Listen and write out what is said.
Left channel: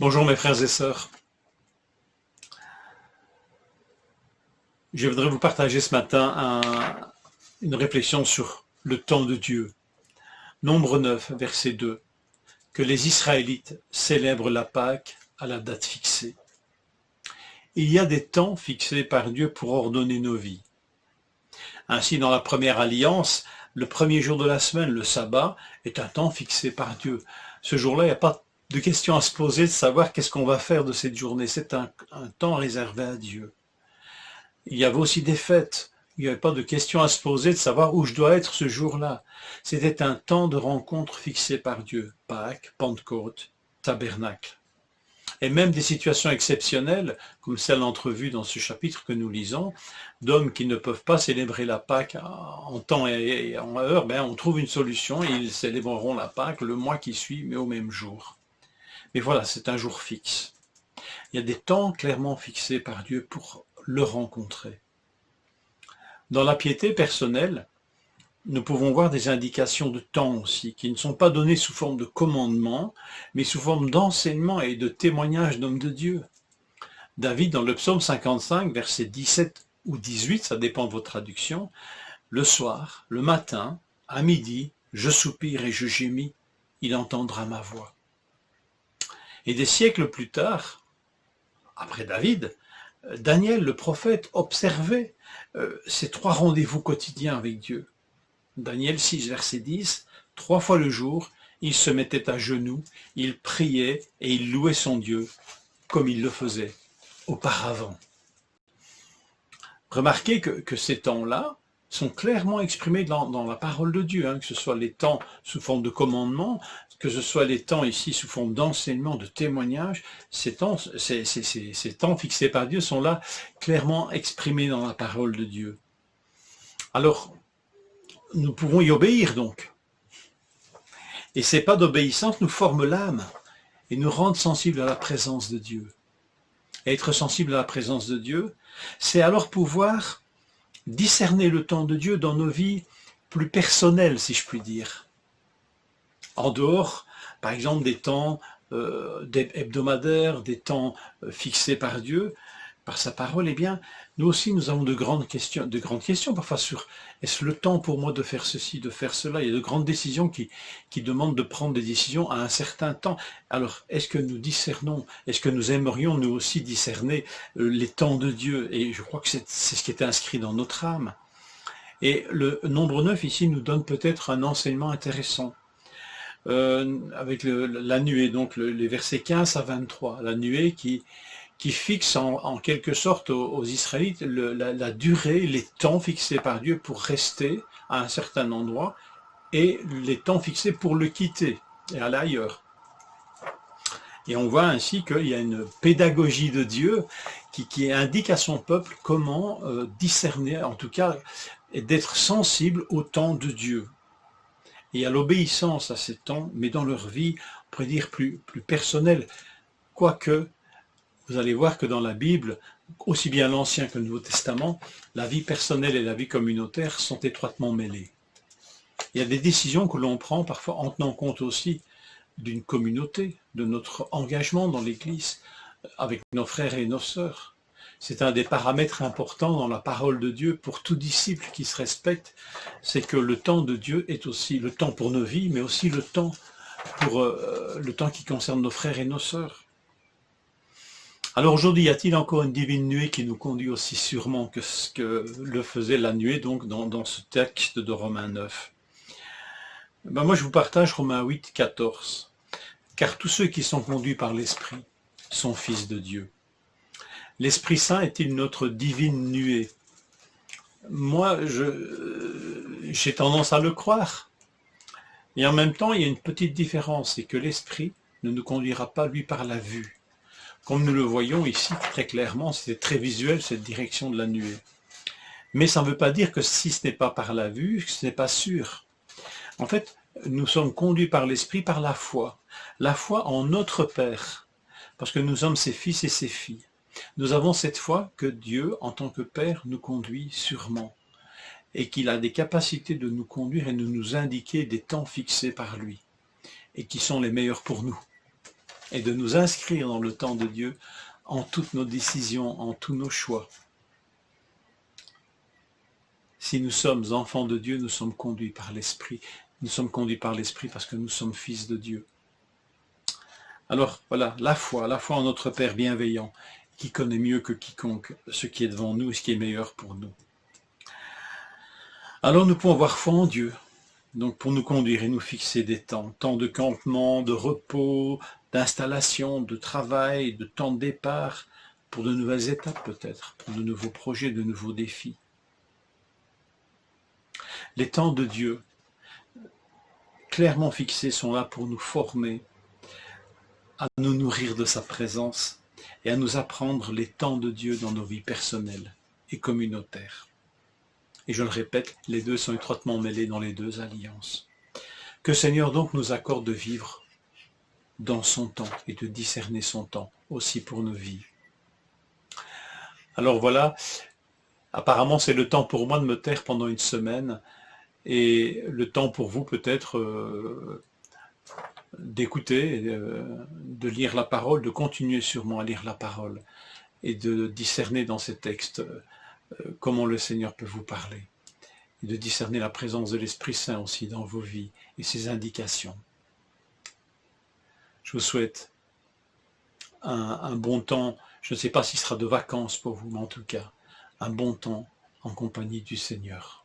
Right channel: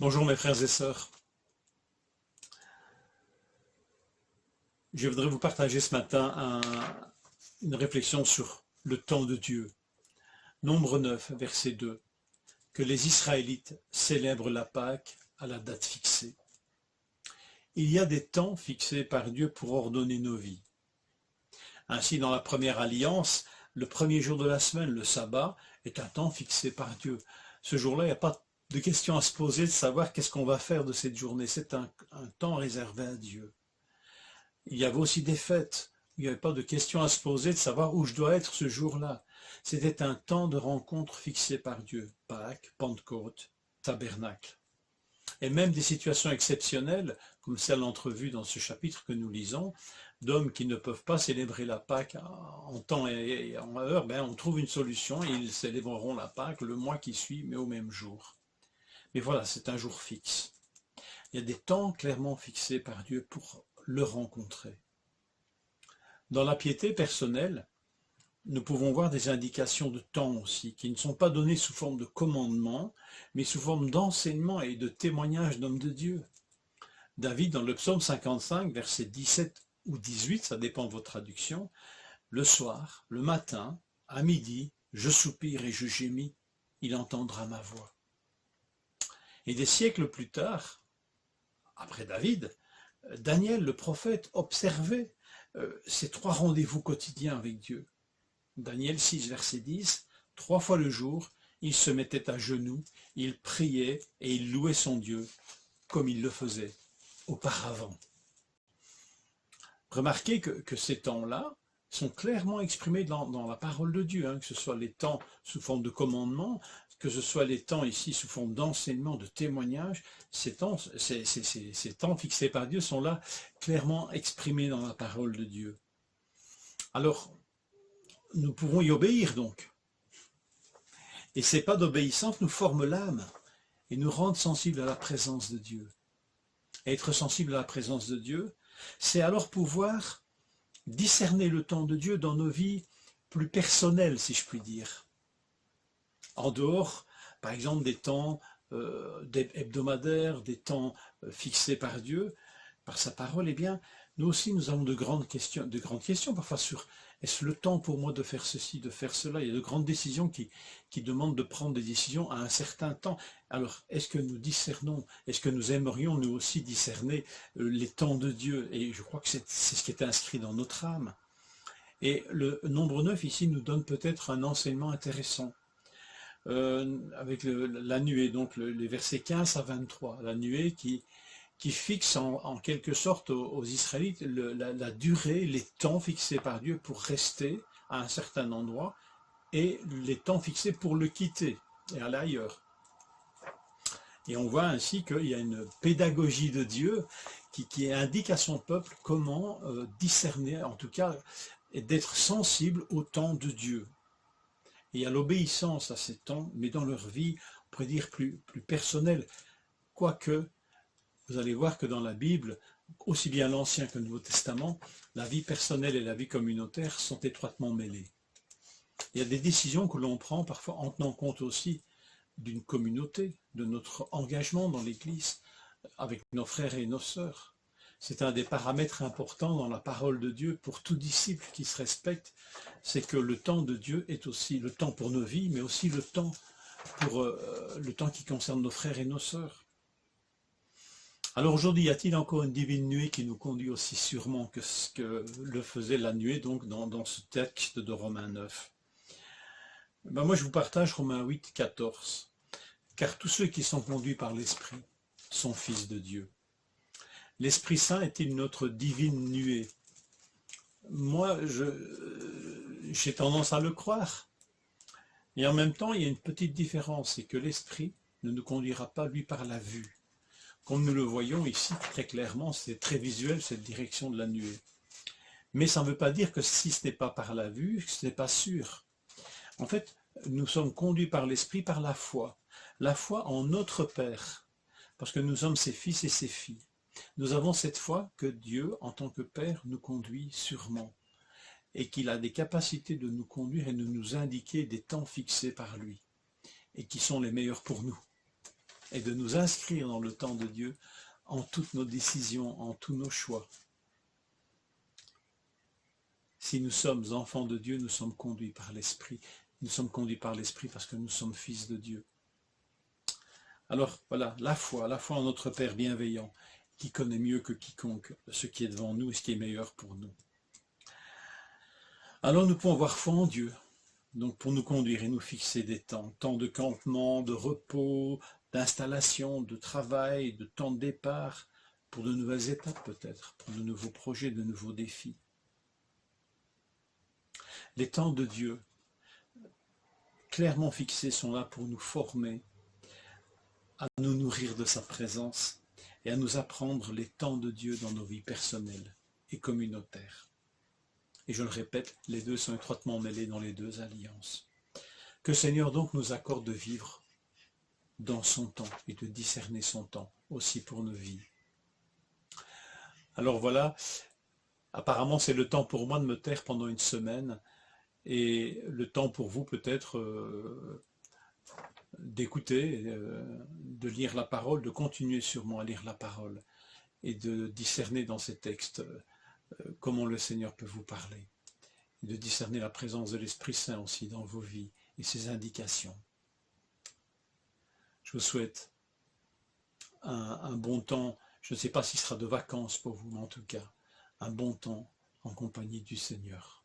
Bonjour mes frères et sœurs. Je voudrais vous partager ce matin une réflexion sur le temps de Dieu. Nombre 9, verset 2. Que les Israélites célèbrent la Pâque à la date fixée. Il y a des temps fixés par Dieu pour ordonner nos vies. Ainsi, dans la première alliance, le premier jour de la semaine, le sabbat, est un temps fixé par Dieu. Ce jour-là, il n'y a pas de question à se poser de savoir qu'est-ce qu'on va faire de cette journée. C'est un temps réservé à Dieu. Il y avait aussi des fêtes. Il n'y avait pas de question à se poser de savoir où je dois être ce jour-là. C'était un temps de rencontre fixé par Dieu. Pâques, Pentecôte, Tabernacle. Et même des situations exceptionnelles, comme celle entrevue dans ce chapitre que nous lisons, d'hommes qui ne peuvent pas célébrer la Pâque en temps et en heure, on trouve une solution et ils célébreront la Pâque le mois qui suit, mais au même jour. Mais voilà, c'est un jour fixe. Il y a des temps clairement fixés par Dieu pour le rencontrer. Dans la piété personnelle, nous pouvons voir des indications de temps aussi, qui ne sont pas données sous forme de commandement, mais sous forme d'enseignement et de témoignage d'hommes de Dieu. David, dans le psaume 55, versets 17 ou 18, ça dépend de votre traduction, le soir, le matin, à midi, je soupire et je gémis, il entendra ma voix. Et des siècles plus tard, après David, Daniel, le prophète, observait ces trois rendez-vous quotidiens avec Dieu. Daniel 6, verset 10, 3 fois le jour, il se mettait à genoux, il priait et il louait son Dieu, comme il le faisait auparavant. Remarquez que ces temps-là sont clairement exprimés dans la parole de Dieu, que ce soit les temps sous forme de commandement, que ce soit les temps ici sous forme d'enseignement, de témoignage, ces temps fixés par Dieu sont là clairement exprimés dans la parole de Dieu. Alors, nous pouvons y obéir donc. Et ces pas d'obéissance nous forment l'âme et nous rendent sensibles à la présence de Dieu. Et être sensible à la présence de Dieu, c'est alors pouvoir discerner le temps de Dieu dans nos vies plus personnelles, si je puis dire. En dehors, par exemple, des temps hebdomadaires, des temps fixés par Dieu, par sa parole, eh bien, nous aussi, nous avons de grandes questions parfois sur est-ce le temps pour moi de faire ceci, de faire cela. Il y a de grandes décisions qui demandent de prendre des décisions à un certain temps. Alors, est-ce que nous discernons, est-ce que nous aimerions nous aussi discerner les temps de Dieu? Et je crois que c'est ce qui est inscrit dans notre âme. Et le nombre 9 ici nous donne peut-être un enseignement intéressant. Avec la nuée, donc les versets 15 à 23, la nuée qui fixe en quelque sorte aux Israélites la durée, les temps fixés par Dieu pour rester à un certain endroit et les temps fixés pour le quitter et aller ailleurs. Et on voit ainsi qu'il y a une pédagogie de Dieu qui indique à son peuple comment discerner, en tout cas, et d'être sensible au temps de Dieu et à l'obéissance à ces temps, mais dans leur vie, on pourrait dire plus personnelle. Quoique, vous allez voir que dans la Bible, aussi bien l'Ancien que le Nouveau Testament, la vie personnelle et la vie communautaire sont étroitement mêlées. Il y a des décisions que l'on prend parfois en tenant compte aussi d'une communauté, de notre engagement dans l'Église, avec nos frères et nos sœurs. C'est un des paramètres importants dans la parole de Dieu pour tout disciple qui se respecte, c'est que le temps de Dieu est aussi le temps pour nos vies, mais aussi le temps qui concerne nos frères et nos sœurs. Alors aujourd'hui, y a-t-il encore une divine nuée qui nous conduit aussi sûrement que ce que le faisait la nuée donc dans ce texte de Romains 9? Moi je vous partage Romains 8, 14. Car tous ceux qui sont conduits par l'Esprit sont fils de Dieu. L'Esprit Saint est-il notre divine nuée? Moi, j'ai tendance à le croire. Et en même temps, il y a une petite différence, c'est que l'Esprit ne nous conduira pas, lui, par la vue. Comme nous le voyons ici très clairement, c'est très visuel cette direction de la nuée. Mais ça ne veut pas dire que si ce n'est pas par la vue, ce n'est pas sûr. En fait, nous sommes conduits par l'Esprit par la foi en notre Père, parce que nous sommes ses fils et ses filles. Nous avons cette foi que Dieu, en tant que Père, nous conduit sûrement, et qu'il a des capacités de nous conduire et de nous indiquer des temps fixés par lui, et qui sont les meilleurs pour nous. et de nous inscrire dans le temps de Dieu en toutes nos décisions, en tous nos choix. Si nous sommes enfants de Dieu, nous sommes conduits par l'Esprit. Nous sommes conduits par l'Esprit parce que nous sommes fils de Dieu. Alors voilà, la foi en notre Père bienveillant, qui connaît mieux que quiconque ce qui est devant nous et ce qui est meilleur pour nous. Alors nous pouvons avoir foi en Dieu, donc pour nous conduire et nous fixer des temps de campement, de repos, d'installation, de travail, de temps de départ, pour de nouvelles étapes peut-être, pour de nouveaux projets, de nouveaux défis. Les temps de Dieu, clairement fixés, sont là pour nous former, à nous nourrir de sa présence et à nous apprendre les temps de Dieu dans nos vies personnelles et communautaires. Et je le répète, les deux sont étroitement mêlés dans les deux alliances. Que Seigneur donc nous accorde de vivre dans son temps et de discerner son temps aussi pour nos vies. Alors voilà, apparemment c'est le temps pour moi de me taire pendant une semaine et le temps pour vous peut-être d'écouter, de lire la parole, de continuer sûrement à lire la parole et de discerner dans ces textes comment le Seigneur peut vous parler. Et de discerner la présence de l'Esprit Saint aussi dans vos vies et ses indications. Je vous souhaite un bon temps, je ne sais pas s'il sera de vacances pour vous, mais en tout cas, un bon temps en compagnie du Seigneur.